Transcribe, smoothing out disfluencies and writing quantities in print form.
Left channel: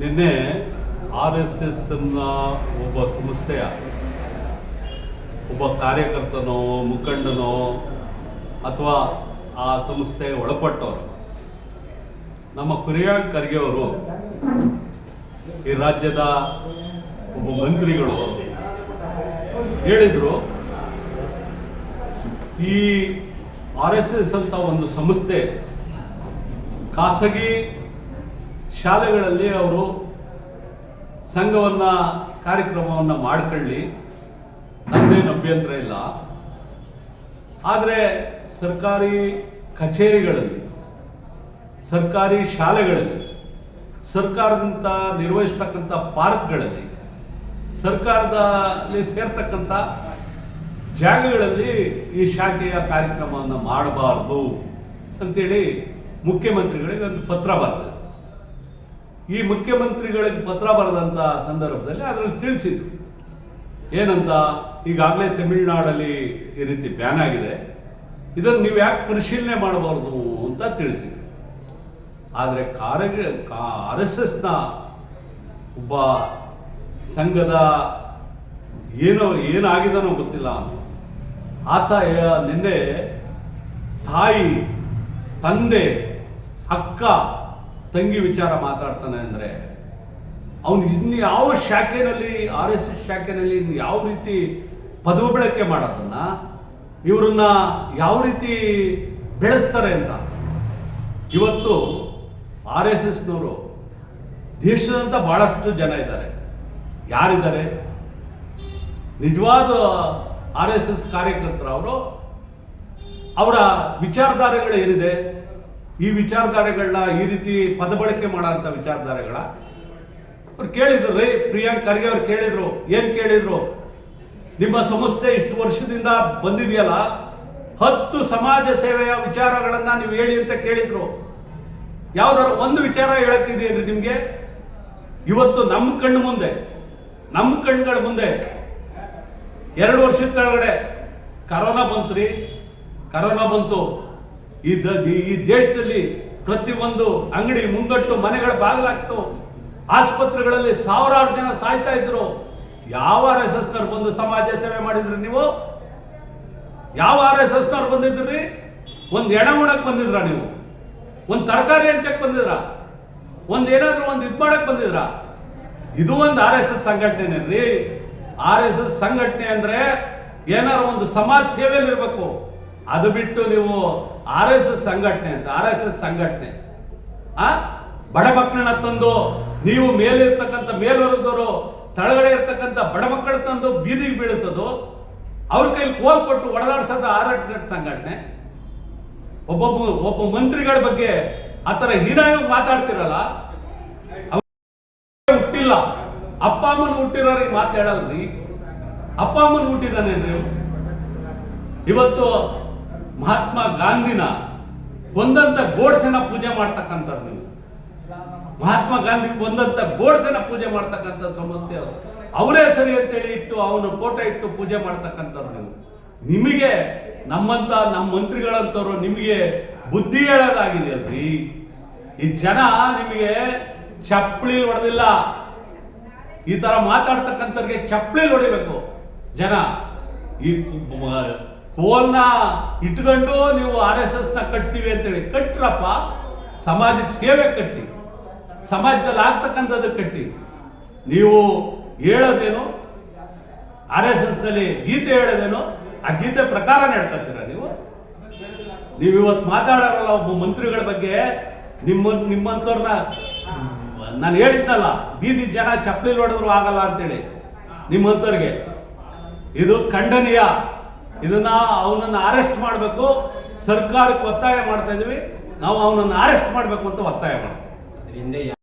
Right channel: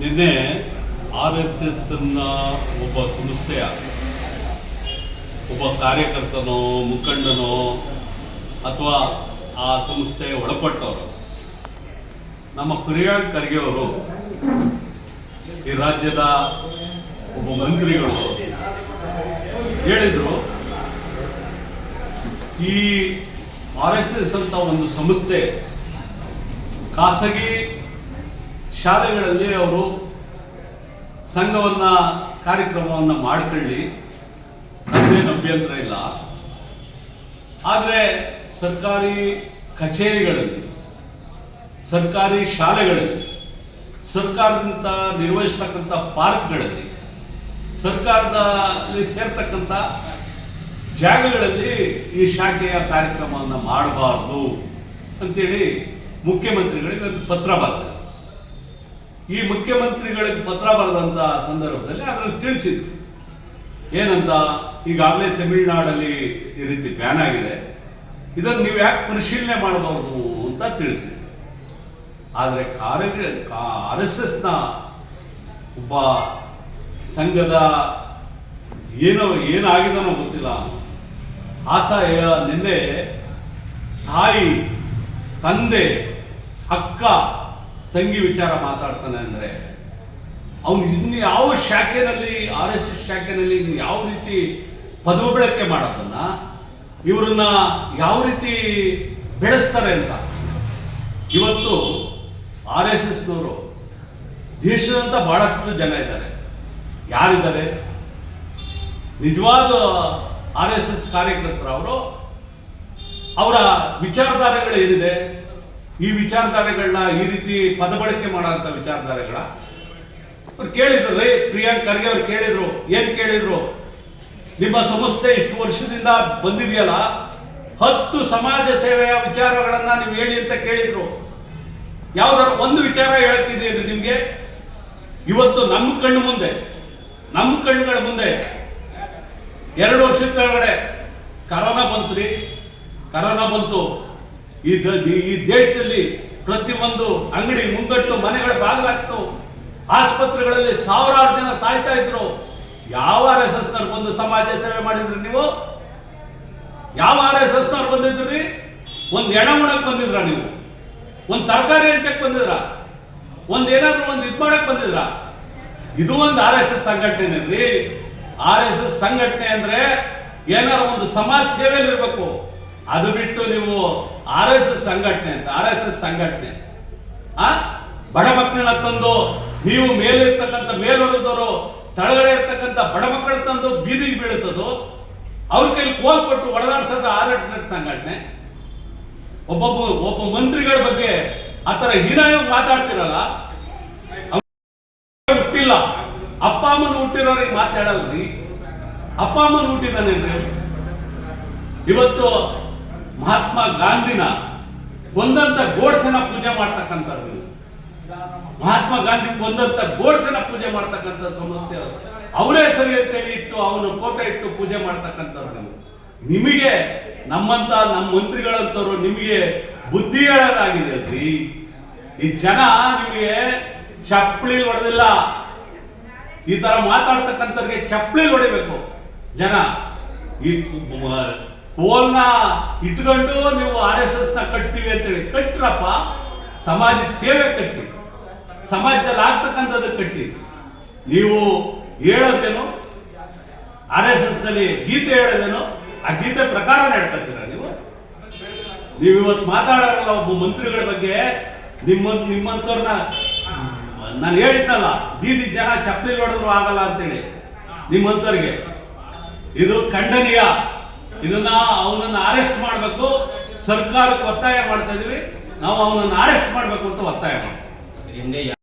ನಿನ್ನೆ RSSನ ಒಬ್ಬ ಸಂಸ್ಥೆಯ ಒಬ್ಬ ಕಾರ್ಯಕರ್ತನೋ ಮುಖಂಡನೋ ಅಥವಾ ಆ ಸಂಸ್ಥೆಯ ಒಳಪಟ್ಟವರು ನಮ್ಮ ಪ್ರಿಯಾಂಕ್ ಖರ್ಗೆ ಅವರು ಈ ರಾಜ್ಯದ ಒಬ್ಬ ಮಂತ್ರಿಗಳು ಹೇಳಿದರು, ಈ RSS ಅಂತ ಒಂದು ಸಂಸ್ಥೆ ಖಾಸಗಿ ಶಾಲೆಗಳಲ್ಲಿ ಅವರು ಸಂಘವನ್ನು ಕಾರ್ಯಕ್ರಮವನ್ನು ಮಾಡಿಕೊಳ್ಳಿ, ನಮ್ಮದೇನು ಅಭ್ಯಂತರ ಇಲ್ಲ. ಆದರೆ ಸರ್ಕಾರಿ ಕಚೇರಿಗಳಲ್ಲಿ, ಸರ್ಕಾರಿ ಶಾಲೆಗಳಲ್ಲಿ, ಸರ್ಕಾರದಿಂದ ನಿರ್ವಹಿಸ್ತಕ್ಕಂಥ ಪಾರ್ಕ್ಗಳಲ್ಲಿ, ಸರ್ಕಾರದಲ್ಲಿ ಸೇರ್ತಕ್ಕಂಥ ಜಾಗಗಳಲ್ಲಿ ಈ ಶಾಖೆಯ ಕಾರ್ಯಕ್ರಮವನ್ನು ಮಾಡಬಾರ್ದು ಅಂತೇಳಿ ಮುಖ್ಯಮಂತ್ರಿಗಳಿಗೆ ಒಂದು ಪತ್ರ ಬರೆದ. ಈ ಮುಖ್ಯಮಂತ್ರಿಗಳಿಗೆ ಪತ್ರ ಬರೆದಂಥ ಸಂದರ್ಭದಲ್ಲಿ ಅದರಲ್ಲಿ ತಿಳಿಸಿದ್ರು ಏನಂತ, ಈಗಾಗಲೇ ತಮಿಳುನಾಡಲ್ಲಿ ಈ ರೀತಿ ಬ್ಯಾನ್ ಆಗಿದೆ, ಇದನ್ನು ನೀವು ಯಾಕೆ ಪರಿಶೀಲನೆ ಮಾಡಬಾರ್ದು ಅಂತ ತಿಳಿಸಿದ್ರು. ಆದರೆ RSSನ ಒಬ್ಬ ಸಂಘದ ಏನಾಗಿದನೋ ಗೊತ್ತಿಲ್ಲ, ಆತ ನಿನ್ನೆ ತಾಯಿ, ತಂದೆ, ಅಕ್ಕ, ತಂಗಿ ವಿಚಾರ ಮಾತಾಡ್ತಾನೆ ಅಂದರೆ ಅವನು ಇನ್ನು ಯಾವ ಶಾಖೆಯಲ್ಲಿ RSS ಶಾಖೆಯಲ್ಲಿ ಯಾವ ರೀತಿ ಪದವಿ ಬಳಕೆ ಮಾಡೋದನ್ನು, ಇವರನ್ನ ಯಾವ ರೀತಿ ಬೆಳೆಸ್ತಾರೆ ಅಂತ. ಇವತ್ತು RSSನವರು ದೇಶದಂತ ಭಾಳಷ್ಟು ಜನ ಇದ್ದಾರೆ. ಯಾರಿದ್ದಾರೆ ನಿಜವಾದ RSS ಕಾರ್ಯಕರ್ತರು? ಅವರ ವಿಚಾರಧಾರೆಗಳು ಏನಿದೆ, ಈ ವಿಚಾರಧಾರೆಗಳನ್ನ ಈ ರೀತಿ ಪದ ಬಳಕೆ ಮಾಡೋಂಥ ವಿಚಾರಧಾರೆಗಳ ಅವ್ರು ಕೇಳಿದ್ರು. ಪ್ರಿಯಾಂಕ್ ಖರ್ಗೆ ಅವ್ರು ಕೇಳಿದ್ರು. ಏನು ಕೇಳಿದ್ರು? ನಿಮ್ಮ ಸಂಸ್ಥೆ ಇಷ್ಟು ವರ್ಷದಿಂದ ಬಂದಿದೆಯಲ್ಲ, 10 ಸಮಾಜ ಸೇವೆಯ ವಿಚಾರಗಳನ್ನು ನೀವು ಹೇಳಿ ಅಂತ ಕೇಳಿದ್ರು. ಯಾವ್ದಾದ್ರು ಒಂದು ವಿಚಾರ ಹೇಳಕ್ಕಿದೆಯೇನು ನಿಮಗೆ? ಇವತ್ತು ನಮ್ಮ ಕಣ್ಣು ಮುಂದೆ, ನಮ್ಮ ಕಣ್ಣುಗಳ ಮುಂದೆ 2 ವರ್ಷದ ಕೆಳಗಡೆ ಕರೋನಾ ಬಂತು. ಕರೋನಾ ಬಂತು. ಈ ದೇಶದಲ್ಲಿ ಪ್ರತಿಯೊಂದು ಅಂಗಡಿ ಮುಂಗಟ್ಟು, ಮನೆಗಳ ಬಾಗಿಲಾಗ್ತು, ಆಸ್ಪತ್ರೆಗಳಲ್ಲಿ ಸಾವಿರಾರು ಜನ ಸಾಯ್ತಾ ಇದ್ರು. ಯಾವ RSSನವ್ರು ಬಂದು ಸಮಾಜ ಸೇವೆ ಮಾಡಿದ್ರಿ ನೀವು? ಯಾವ RSSನವ್ರು ಬಂದಿದ್ರಿ? ಒಂದು ಎಣ ಮಾಡಕ್ಕೆ ಬಂದಿದ್ರ ನೀವು? ಒಂದು ತರಕಾರಿ ಹಂಚಕ್ಕೆ ಬಂದಿದ್ರ? ಏನಾದ್ರು ಒಂದು ಇದು ಮಾಡಕ್ಕೆ ಬಂದಿದ್ರ? ಇದು ಒಂದು RSS ಸಂಘಟನೆ ರೀ. RSS ಸಂಘಟನೆ ಅಂದ್ರೆ ಏನಾದ್ರು ಒಂದು ಸಮಾಜ ಸೇವೆಯಲ್ಲಿ ಇರಬೇಕು. ಅದು ಬಿಟ್ಟು ನೀವು RSS ಸಂಘಟನೆ ಅಂತ, RSS ಸಂಘಟನೆ ಬಡ ಮಕ್ಕಳನ್ನ ತಂದು ನೀವು ಮೇಲಿರ್ತಕ್ಕಂಥ ಮೇಲೊರದವರು ತಳಗಡೆ ಇರ್ತಕ್ಕಂಥ ಬಡ ಮಕ್ಕಳ ತಂದು ಬೀದಿಗೆ ಬೀಳಿಸೋದು, ಅವ್ರ ಕೈಲಿ ಕೋಲ್ ಕೊಟ್ಟು ಹೊಡೆದಾಡ್ಸೋದು RSS ಸಂಘಟನೆ. ಒಬ್ಬ ಮಂತ್ರಿಗಳ ಬಗ್ಗೆ ಆ ಥರ ಹೀನಾಗಿ ಮಾತಾಡ್ತಿರಲ್ಲ. ಹುಟ್ಟಿಲ್ಲ, ಅಪ್ಪ ಅಮ್ಮನ ಹುಟ್ಟಿರೋರಿಗೆ ಮಾತಾಡಲ್ರಿ. ಅಪ್ಪ ಅಮ್ಮನ ಹುಟ್ಟಿದಾನೇನ್ರಿ? ಇವತ್ತು ಮಹಾತ್ಮ ಗಾಂಧಿನ ಕೊಂದಂತ ಗೋಡ್ಸೆನ ಪೂಜೆ ಮಾಡ್ತಕ್ಕಂಥವ್ರು ನೀವು. ಮಹಾತ್ಮ ಗಾಂಧಿ ಕೊಂದಂತ ಗೋಡ್ಸೆನ ಪೂಜೆ ಮಾಡ್ತಕ್ಕಂಥ ಸಂಸ್ಥೆ ಅವರೇ ಸರಿ ಅಂತೇಳಿ ಇಟ್ಟು ಅವನು ಫೋಟೋ ಇಟ್ಟು ಪೂಜೆ ಮಾಡ್ತಕ್ಕಂಥವ್ರು ನೀವು. ನಿಮಗೆ ನಮ್ಮ ಮಂತ್ರಿಗಳಂತವ್ರು ನಿಮಗೆ ಬುದ್ಧಿ ಹೇಳೋದಾಗಿದೆ ಅಲ್ರಿ. ಈ ಜನ ನಿಮಗೆ ಚಪ್ಪಲಿ ಹೊಡೆದಿಲ್ಲ. ಈ ತರ ಮಾತಾಡ್ತಕ್ಕಂಥವ್ರಿಗೆ ಚಪ್ಪಲಿ ಹೊಡಿಬೇಕು ಜನ. ಈ ಕೋಲ್ನ ಇಟ್ಕೊಂಡು ನೀವು RSSನ ಕಟ್ತೀವಿ ಅಂತೇಳಿ ಕಟ್ರಪ್ಪ. ಸಮಾಜಕ್ಕೆ ಸೇವೆ ಕಟ್ಟಿ, ಸಮಾಜದಲ್ಲಿ ಆಗ್ತಕ್ಕಂಥದ್ದು ಕಟ್ಟಿ. ನೀವು ಹೇಳೋದೇನು? RSSನಲ್ಲಿ ಗೀತೆ ಹೇಳೋದೇನು? ಆ ಗೀತೆ ಪ್ರಕಾರ ನಡ್ಕೊತೀರ ನೀವು. ಇವತ್ತು ಮಾತಾಡೋರಲ್ಲ ಒಬ್ಬ ಮಂತ್ರಿಗಳ ಬಗ್ಗೆ, ನಿಮ್ಮಂಥವ್ರನ್ನ ನಾನು ಹೇಳಿದ್ನಲ್ಲ, ಬೀದಿ ಜನ ಚಪ್ಪಲಿ ಹೊಡೆದ್ರು ಆಗಲ್ಲ ಅಂತೇಳಿ ನಿಮ್ಮಂಥವ್ರಿಗೆ. ಇದು ಖಂಡನೀಯ. ಇದನ್ನ ಅವನನ್ನು ಅರೆಸ್ಟ್ ಮಾಡಬೇಕು. ಸರ್ಕಾರಕ್ಕೆ ಒತ್ತಾಯ ಮಾಡ್ತಾ ಇದೀವಿ ನಾವು, ಅವನನ್ನು ಅರೆಸ್ಟ್ ಮಾಡಬೇಕು ಅಂತ ಒತ್ತಾಯ ಮಾಡ್ತೀವಿ.